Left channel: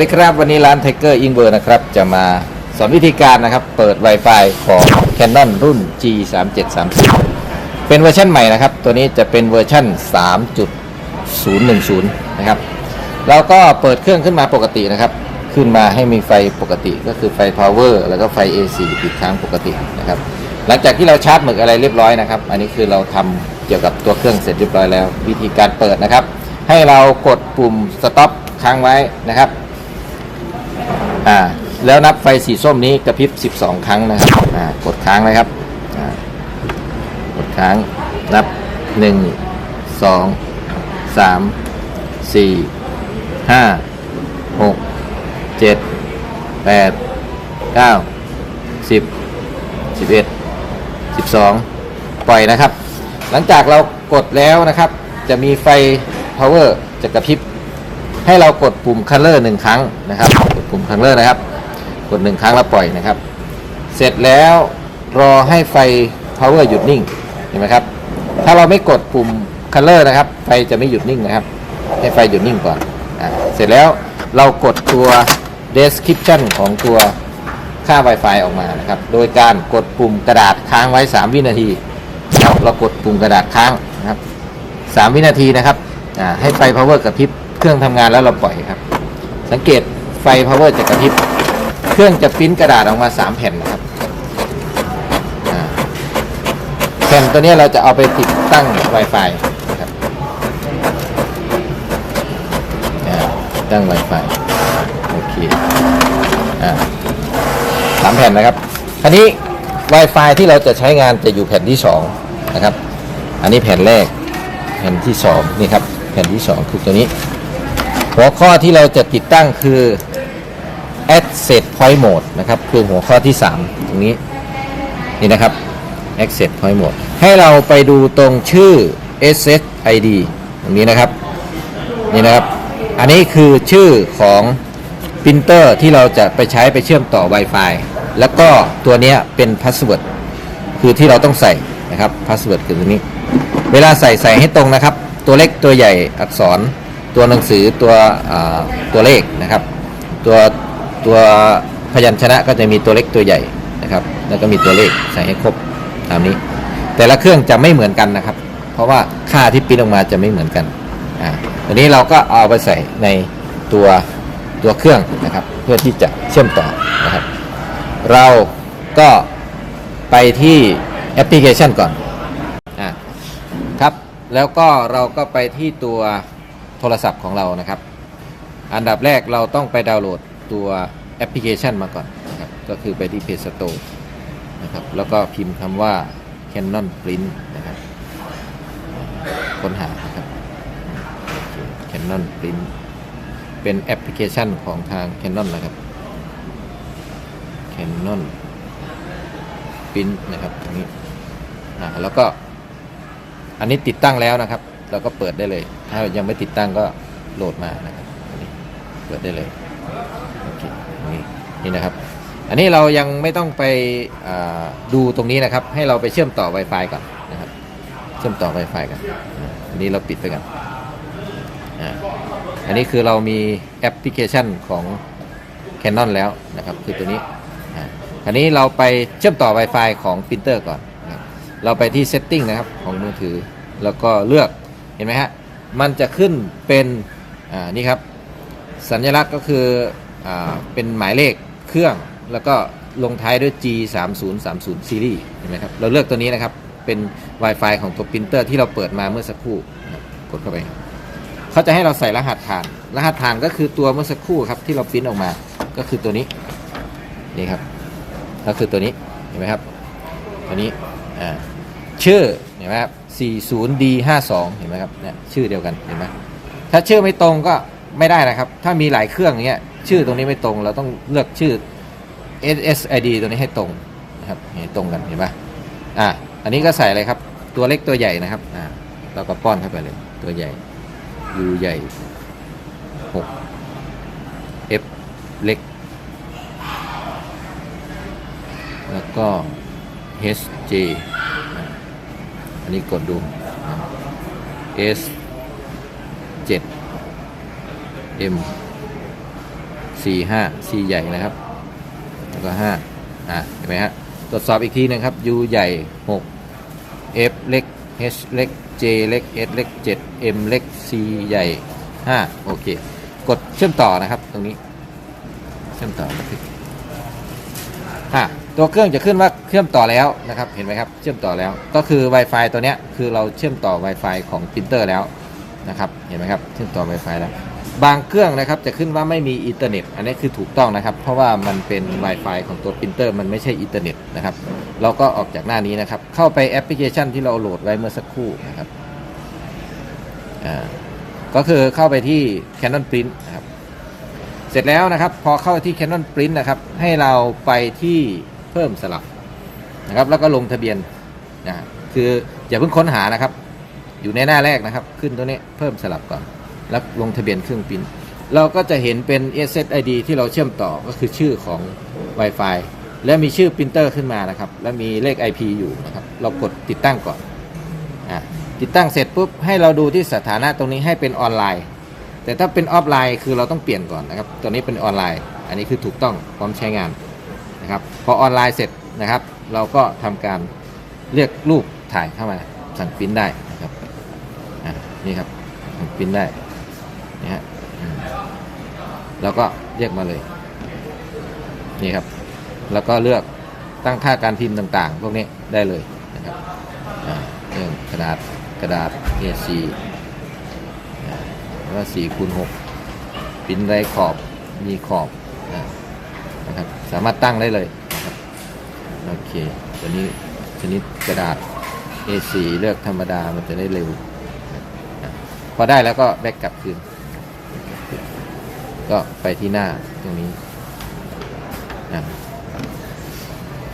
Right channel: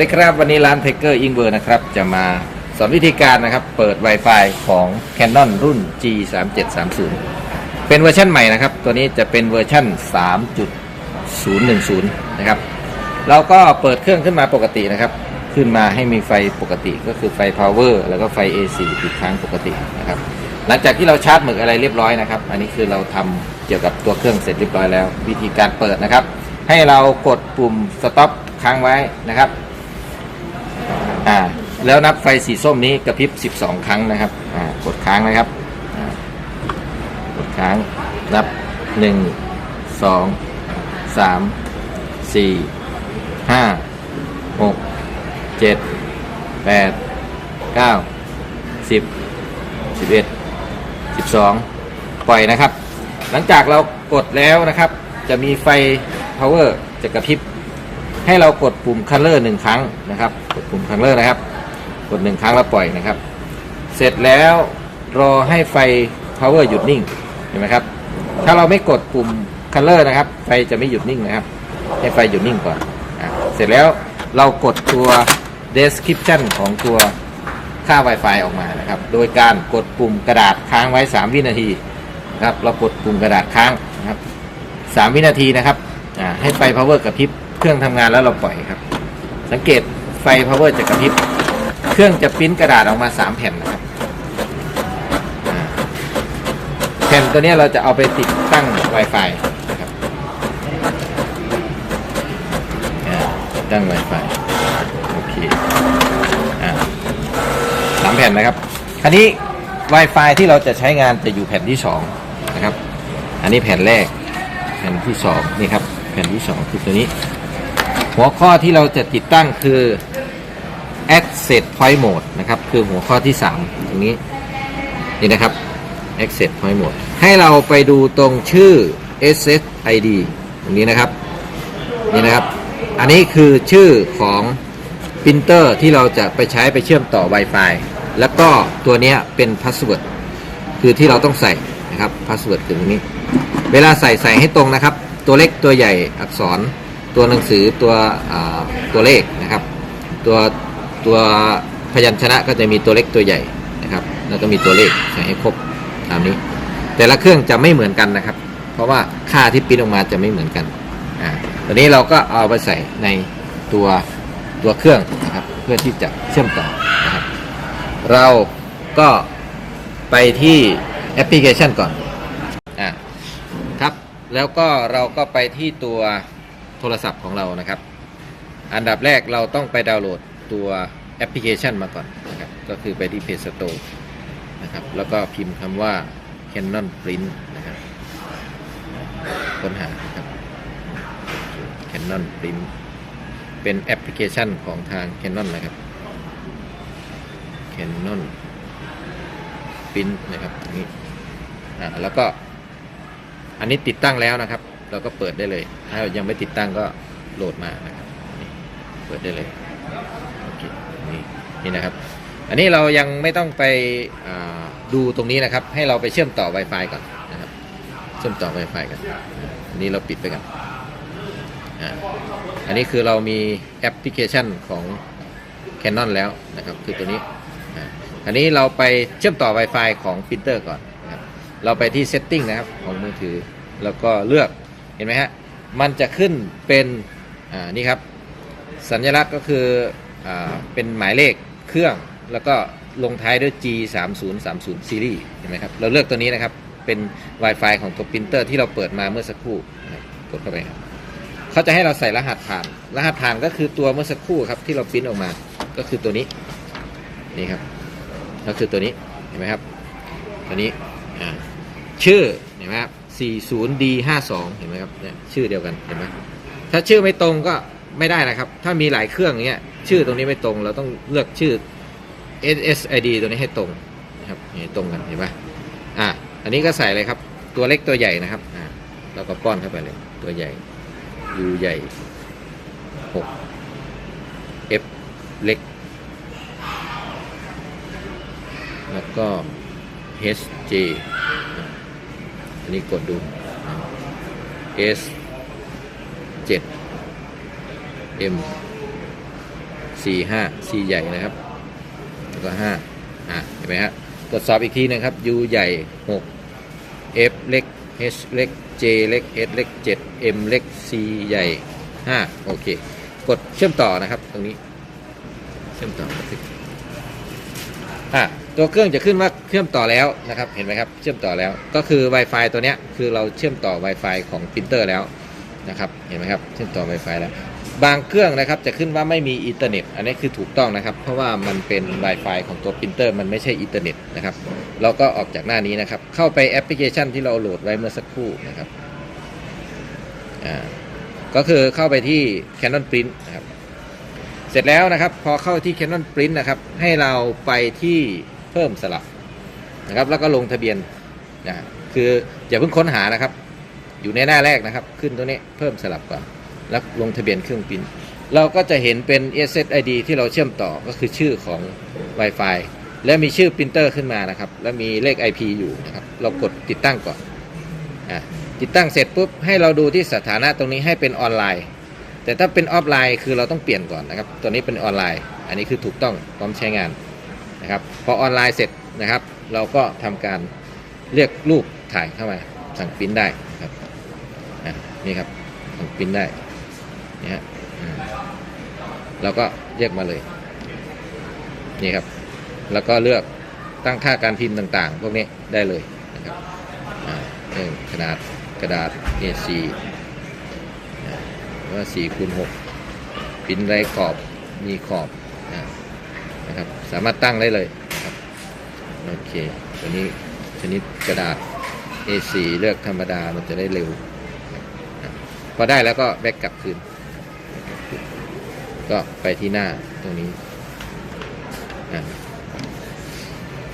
วัสดีครับวันนี้ร้าน t ทเกอร์อิงเวอร์นะครับจะมาสอนวิธีการนะครับ เปิด Wi-Fi ของ Canon รุ่น G 3 7 3 0เป็นเวอร์ชันใหม่นะครับ ตัวนี้จะเป็นเวอร์ชัน3.010 นะครับเราก็เปิดเครื่องขึ้นมาปกตินะครับ ขึ้นมาให้มีไฟปกติก็คือไฟ power แล้วก็ไฟ AC ติดค้างปกตินะครับ หลังจากที่เราชาร์จหมึกอะไรเรียบร้อยนะครับ อันนี้คือเราทำเกี่ยวกับตัวเครื่องเสร็จเรียบร้อยแล้ว วิธีการเปิดนะครับ ให้เรากดปุ่ม stop ค้างไว้นะครับ อ่าแล้วนับไฟสีส้มนี้กระพริบ 12 ครั้งนะครับอ่ากดค้างนะครับอ่ากดค้างนับ 1 2 3 4 5 6 7 8 9 10 11 12 ปล่อยนะครับ หลังจากเรากดแล้วนะครับ จะมีไฟ power จะกระพริบ ให้เรากดปุ่ม color หนึ่งครั้งนะครับ กดปุ่ม color นะครับ กดหนึ่งครั้งแล้วปล่อยนะครับ เสร็จแล้วรอให้ไฟ power หยุดนิ่ง เห็นไหมครับ ถ้าเราไม่กดปุ่ม color นะครับ ไฟจะไม่หยุดนิ่งนะครับ ให้ไฟหยุดนิ่งก่อนอเสร็จแล้วเรากดตัว description ของตัวค่า Wi-Fi ออกมานะครับ โดยการกดปุ่มกระดาษค้างไว้ 3 วินาทีนะครับเรากดปุ่มกระดาษค้างนะครับ 3 วินาทีนะครับให้ไฟ power กระพริบ เครื่องทำงานแล้วเราปล่อยครับ สังเกตไฟ power จะกระพริบ เครื่องจะปริ้นกระดาษออกมา 3 แผ่นนะครับแผ่นตัวนี้เราจะเอาไปติดตั้ง Wi-Fi นะครับตั้ง Wi-Fi โอเคอ่าสามแผ่นนะครับคราวนี้ Wi-Fi ที่เราจะใช้งานจะอยู่แผ่นที่2นะครับ อันนี้แผ่นแรก แผ่นที่2นี่ครับ แผ่นที่ 2 คือตัวนี้ หัวข้อที่เราจะติดตั้งคือ Access Point Mode นะครับ คือหัวข้อที่ 3 ตรงนี้ นี่นะครับ Access Point Mode ให้เราไปดูตรงชื่อ SSID ตรงนี้นะครับ นี่นะครับ อันนี้คือชื่อของปรินเตอร์ที่เราจะไปใช้ไปเชื่อมต่อ Wi-Fi แล้วก็ตัวนี้เป็นพาสเวิร์ดคือที่เราต้องใส่นะครับพาสเวิร์ดคือตรงนี้ เวลาใส่ใส่ให้ตรงนะครับ ตัวเล็กตัวใหญ่อักษร ตัวหนังสือตัวตัวเลขนะครับ ตัวตัวพยัญชนะก็จะมีตัวเล็กตัวใหญ่นะครับ แล้วก็มีตัวเลขใส่ให้ครบตามนี้ แต่ละเครื่องจะไม่เหมือนกันนะครับ เพราะว่าค่าที่ปิ้นออกมาจะไม่เหมือนกันอ่าตัวนี้เราก็เอาไปใส่ในตัวตัวเครื่องนะครับ เพื่อที่จะเชื่อมต่อนะครับ เราก็ไปที่แอปพลิเคชันก่อนอ่าครับแล้วก็เราก็ไปที่ตัว โทรศัพท์ของเรานะครับ อันดับแรกเราต้องไปดาวน์โหลดตัวแอปพลิเคชันมาก่อนนะครับก็คือไปที่ Play Store นะครับแล้วก็พิมพ์คำว่า Canon Print นะครับค้นหาครับ Canon Print เป็นแอปพลิเคชันของทาง Canon นะครับ Canon Print นะครับตรงนี้อ่าแล้วก็อันนี้ติดตั้งแล้วนะครับ เราก็เปิดได้เลย ถ้ายังไม่ติดตั้งก็โหลดมานะครับเปิดได้เลยนี่นี่นะครับ อันนี้เรายังไม่ต้องไปดูตรงนี้นะครับ ให้เราไปเชื่อมต่อ Wi-Fi ก่อนนะครับ เชื่อมต่อ Wi-Fi กันอันนี้เราปิดไปก่อนอันนี้คือเรามีแอปพลิเคชันของ Canon แล้วนะครับ คือตัวนี้อันนี้เราไปเชื่อมต่อ Wi-Fi ของปรินเตอร์ก่อน เราไปที่ Setting นะครับของมือถือ แล้วก็เลือก ห็นไหมฮะ มันจะขึ้นเป็นอ่านี่ครับสัญลักษณ์ก็คืออเป็นหมายเลขเครื่อง แล้วก็ลงท้ายด้วย G 3 0 3 0 Series เห็นไหมครับ เราเลือกตัวนี้นะครับ เป็น Wi-Fi ของตัวปรินเตอร์ที่เราเปิดมาเมื่อสักครู่กดเข้าไปเขาจะให้เราใส่รหัสผ่าน รหัสผ่านก็คือตัวเมื่อสักครู่ครับที่เราปริ้นออกมา ก็คือตัวนี้ นี่ครับ ก็คือตัวนี้ เห็นไหมครับ ตัวนี้ อ่า ชื่อเห็นไหมครับ 40D52 เห็นไหมครับเนี่ยชื่อเดียวกันเห็นไหมถ้าชื่อไม่ตรงก็ไม่ได้นะครับ ถ้ามีหลายเครื่องอย่างเงี้ยชื่อตรงนี้ไม่ตรงเราต้องเลือกชื่อ SSID ตัวนี้ให้ตรงนะครับตรงกันเห็นไหมอ่าอันนี้ก็ใส่อะไรครับ ตัวเล็กตัวใหญ่นะครับอ่าเราก็ป้อนเข้าไปเลยตัวใหญ่ U ใหญ่ 6 F เล็ก แล้วก็ H J นนี้กดดู S 7 M สี่ห้าสี่ใหญ่นะครับ แล้วก็ห้าอะเห็นไหมฮะตรวจสอบอีกทีนะครับ U ใหญ่หก F เล็ก H เล็ก J เล็ก S เล็กเจ็ด M เล็ก C ใหญ่ห้าโอเค กดเชื่อมต่อนะครับ ตรงนี้ เชื่อมต่ออะ ตัวเครื่องจะขึ้นว่าเชื่อมต่อแล้วนะครับเห็นไหมครับเชื่อมต่อแล้ว ก็คือ Wi-Fi ตัวเนี้ยคือเราเชื่อมต่อ Wi-Fi ของปรินเตอร์แล้วนะครับเห็นไหมครับเชื่อมต่อ Wi-Fi แล้วบางเครื่องนะครับจะขึ้นว่าไม่มีอินเทอร์เน็ต อันนี้คือถูกต้องนะครับ เพราะว่ามันเป็น Wi-Fi ของตัวปรินเตอร์มันไม่ใช่อินเทอร์เน็ตนะครับเราก็ออกจากหน้านี้นะครับ เข้าไปแอปพลิเคชันที่เราโหลดไว้เมื่อสักครู่นะครับอ่าก็คือเข้าไปที่ Canon Print นะครับเสร็จแล้วนะครับ พอเข้าที่ Canon Print นะครับ ให้เราไปที่ เพิ่มสลับนะครับ แล้วก็ลงทะเบียนนะคืออย่าเพิ่งค้นหานะครับ อยู่ในหน้าแรกนะครับ ขึ้นตัวนี้เพิ่มสลับก่อน แล้วลงทะเบียนเครื่องปิน เราก็จะเห็นเป็น SSID ที่เราเชื่อมต่อก็คือชื่อของ Wi-Fi และมีชื่อปรินเตอร์ขึ้นมานะครับ แล้วมีเลข IP อยู่นะครับ เรากดติดตั้งก่อนอะติดตั้งเสร็จปุ๊บให้เราดูที่สถานะตรงนี้ให้เป็นออนไลน์ แต่ถ้าเป็นออฟไลน์คือเราต้องเปลี่ยนก่อนนะครับ ตัวนี้เป็นออนไลน์ อันนี้คือถูกต้องพร้อมใช้งาน นะครับพอออนไลน์เสร็จนะครับ เราก็ทำการเรียกรูปถ่ายเข้ามาสั่งปริ้นได้นะครับนี่ครับสั่งปิ้นได้นะฮะเราก็เรียกมาเลยนี่ครับ แล้วก็เลือกตั้งค่าการพิมพ์ต่างๆ พวกนี้ได้เลยนะครับเรื่องขนาดกระดาษ A4 แล้วก็4คูณ6ปิ้นไรขอบมีขอบนะครับ สามารถตั้งได้เลยโอเคตัวนี้ชนิดกระดาษ A4 เลือกธรรมดามันจะได้เร็ว พอได้แล้วก็แบ็กกลับคืน ก็ไปที่หน้าตรงนี้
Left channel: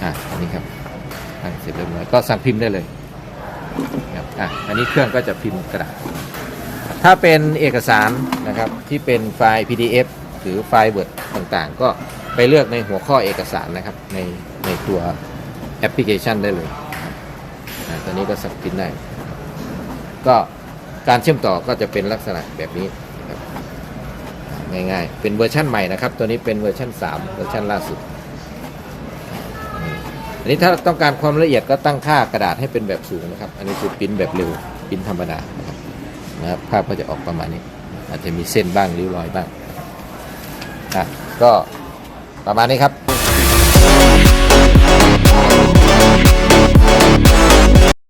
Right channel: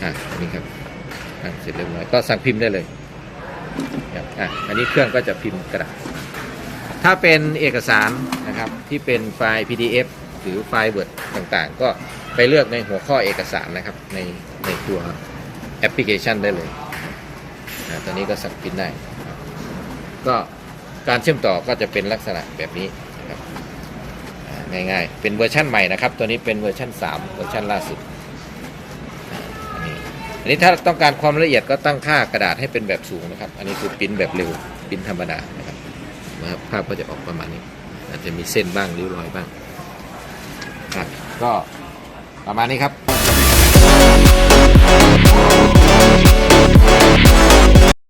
อะอันนี้ครับเสร็จเรียบร้อยก็สั่งพิมพ์ได้เลยอะอันนี้เครื่องก็จะพิมพ์กระดาษถ้าเป็นเอกสารนะครับที่เป็นไฟล์ PDF หรือไฟล์ Word ต่างๆ ก็ ไปเลือกในหัวข้อเอกสารนะครับ ในในตัวแอปพลิเคชันได้เลยตัวนี้ก็สักพินได้ ก็การเชื่อมต่อก็จะเป็นลักษณะแบบนี้ง่ายๆ เป็นเวอร์ชั่นใหม่นะครับ ตัวนี้เป็นเวอร์ชั่น 3 เวอร์ชั่นล่าสุดอันนี้อันนี้ถ้าต้องการความละเอียดก็ตั้งค่ากระดาษให้เป็นแบบสูงนะครับ อันนี้คือปิ้นแบบเร็วปิ้นธรรมดานะครับนะครับภาพก็จะออกประมาณนี้ อาจจะมีเส้นบ้างริ้วรอยบ้างก็ ประมาณนี้ครับ